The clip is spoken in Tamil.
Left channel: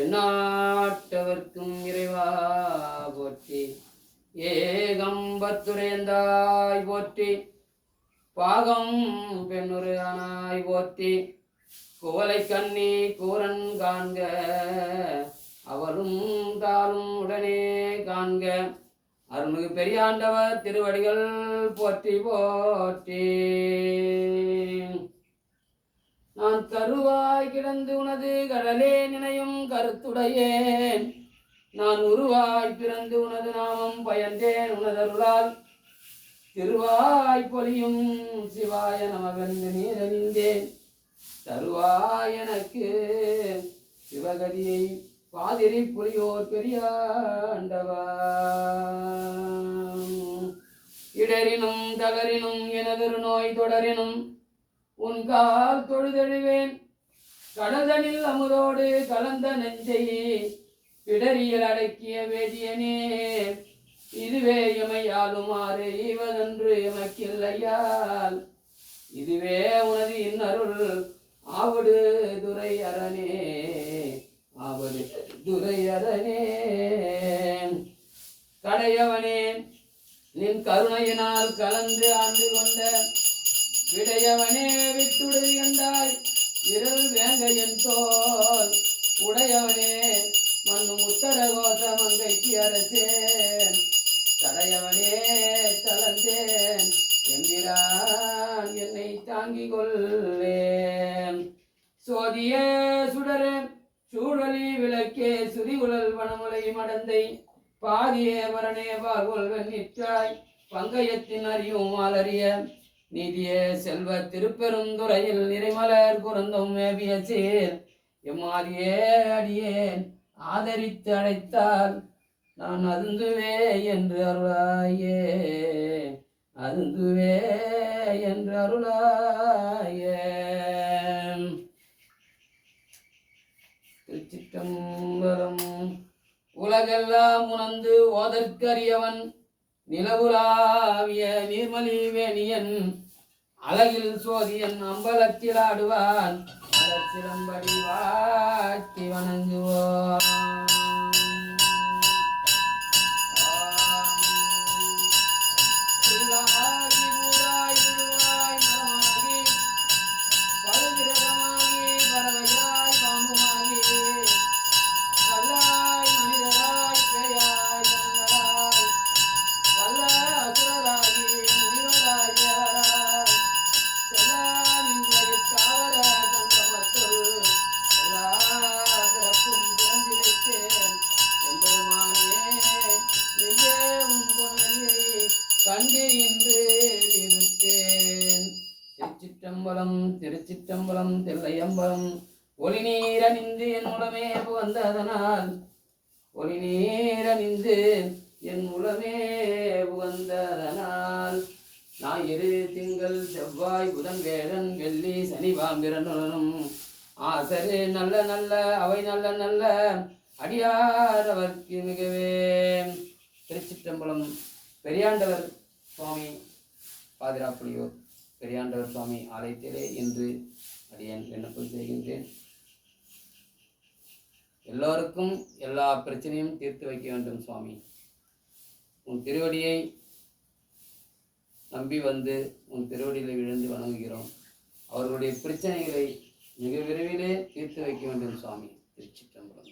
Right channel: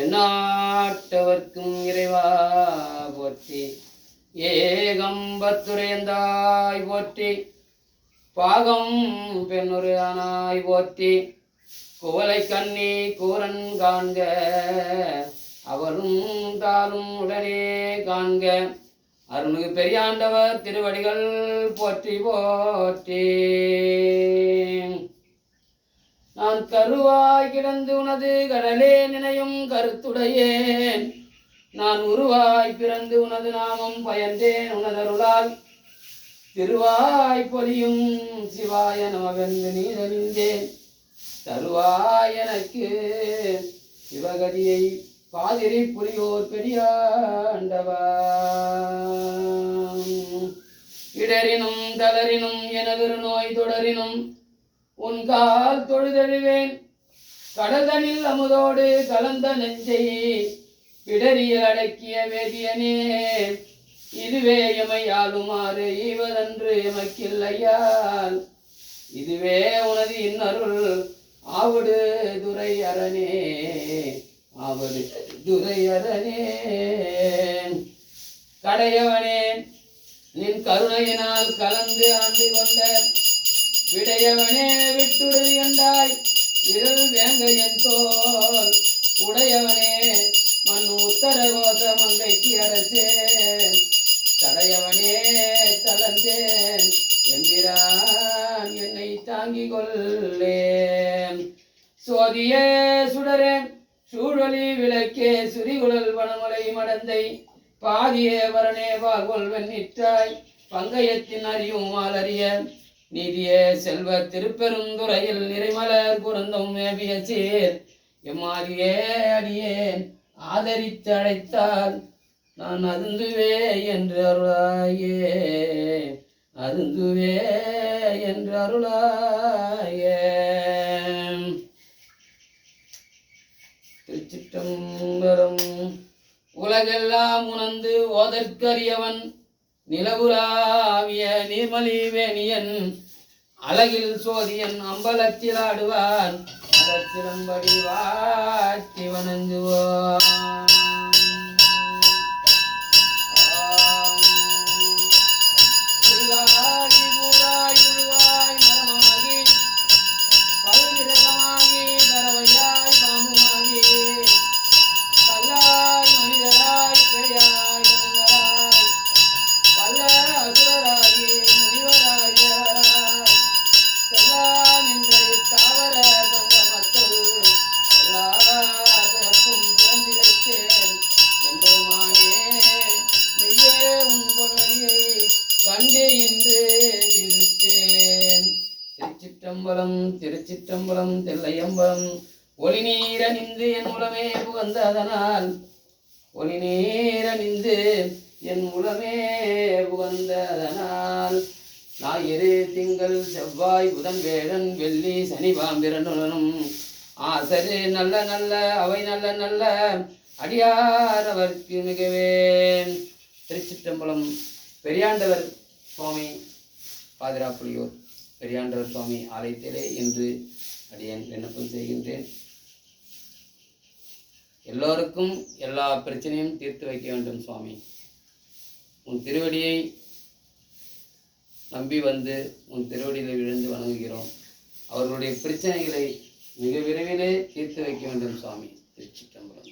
எந்நாட்டவர்க்கும் இறைவா போற்றி. ஏகம்பத்துரையந்தாய் போற்றி. பாகம் பெண்ணுரு ஆனாய் போற்றி. குவலை கண்ணி கூரன் காண்க அவளும் தாளும் உடனே காண்க. அருள்மிகு பெரியாண்டவர் திருவடிகள் போற்றி போற்றி. நான் கருவாய் கிடந்து உனது கடலே நினையும் கருத்துடையேன். நான் உருவாய் பிறந்து உனது நாமம் பயந்தேன் உனதருளால். திருவாய் பொலியும் சிவாய நமவென்று நீரணிந்தேன். தருவாய் எனக்கு சிவகதியை பாதிரி புரியோர் பெரியாண்டவா. இடரினும் தளரினும் எனதொரு நோய் தொடரினும் உன் கால் தொழுதெழுவேன். கடல்தனில் அமுதோடு கலந்த நெஞ்சை இடரியல் அடக்கிய வேதியனே. இதுவே எமையாளுமாறு ஈவதன்று எமக்கில்லையால். இதுவே உனது இன்னருள் ஆவடு துரை அரணே ஆவடு துரை அரணே. கடையவனே நின் கருணையினால் கலந்து ஆண்டு கொண்ட விடையவனே விட்டுடு கண்டாய் விரல் வேங்கையன் தோல். உடையவனே மண்ணு உத்தர கோச மங்கைக்கு அரசே. தடையவனே தளர்ந்தேன் எம்பிரான் என்னை தாங்கிக் கொள்ளேன். சோதியே சுடரே சூழலி விளக்கே சுரிகுழல் வனமுலை மடந்தை. பாதியே வரனே பால்கொள் வெண்ணிற்றாய் பங்கயத்தின் அறியும் ஆலறிய. நீதியே செல்வ திருப்பெருந்துறையில் நிறைமலர் புரந்தும் மேவிய சேர். எம்மாதியே அடியேன் ஆதரித்து அழைத்தால் நான் அதுந்துவே என்று அருளாயே. அதுந்துவே என்று அருளாயே. திருச்சிற்றம்பலம். உலகெல்லாம் உணர்ந்து ஓதற்கரியவன் நிலவுலாவிய நீர்மலி வேணியன். அழகில் சோதியன் அம்பலத்தில் ஆடுவான். அதற் சிலம்படி வாட்டி வணங்குவோம். புல்லாகி பூராய் புழுவாய் மரமாகி பல்விரகமாகி பறவையாய் பாம்புமாகி கல்லாய் மனிதராய் பேயாய் கண்ணராய் வல்ல அசுரராகி முனிவராய் தேவராய் செல்லா நின்ற தாவர சங்கமத்துள் எல்லா பிறப்பும் பிறந்திழைத்தேன் எம்பெருமானே. மெய்யே உன் பொன்னடியை கண்டு இன்று விருத்தேன். திருச்சிற்றம்பலம் திருச்சிற்றம்பலம் தில்லையம்பலம். ஒளி நீரணிந்து என் உளமே புகந்ததனால். ஒளி நீரணிந்து என் உளமே புகந்ததனால். ஞாயிறு திங்கள் செவ்வாய் புதன் வேழன் வெள்ளி சனி பாம்பிரனுடனும் ஆசரு நல்ல நல்ல அவை நல்ல நல்ல அடியாரவர்க்கு மிகவே. திருச்சிற்றம்பலம். பெரியாண்டவர் சுவாமி பாதிராப்புலியூர் பெரியாண்டவர் சுவாமி ஆலயத்திலே இன்று அடியேன் விண்ணப்பம் செய்கின்றேன். எல்லோருக்கும் எல்லா பிரச்சனையும் தீர்த்து வைக்க வேண்டும் சுவாமி. உன் திருவடியை நம்பி வந்து உன் திருவடியில் விழுந்து வணங்குகிறோம். அவர்களுடைய பிரச்சனைகளை மிக விரைவிலே தீர்த்து வைக்க வேண்டும் சுவாமி. திருச்சிற்றம்பலம்.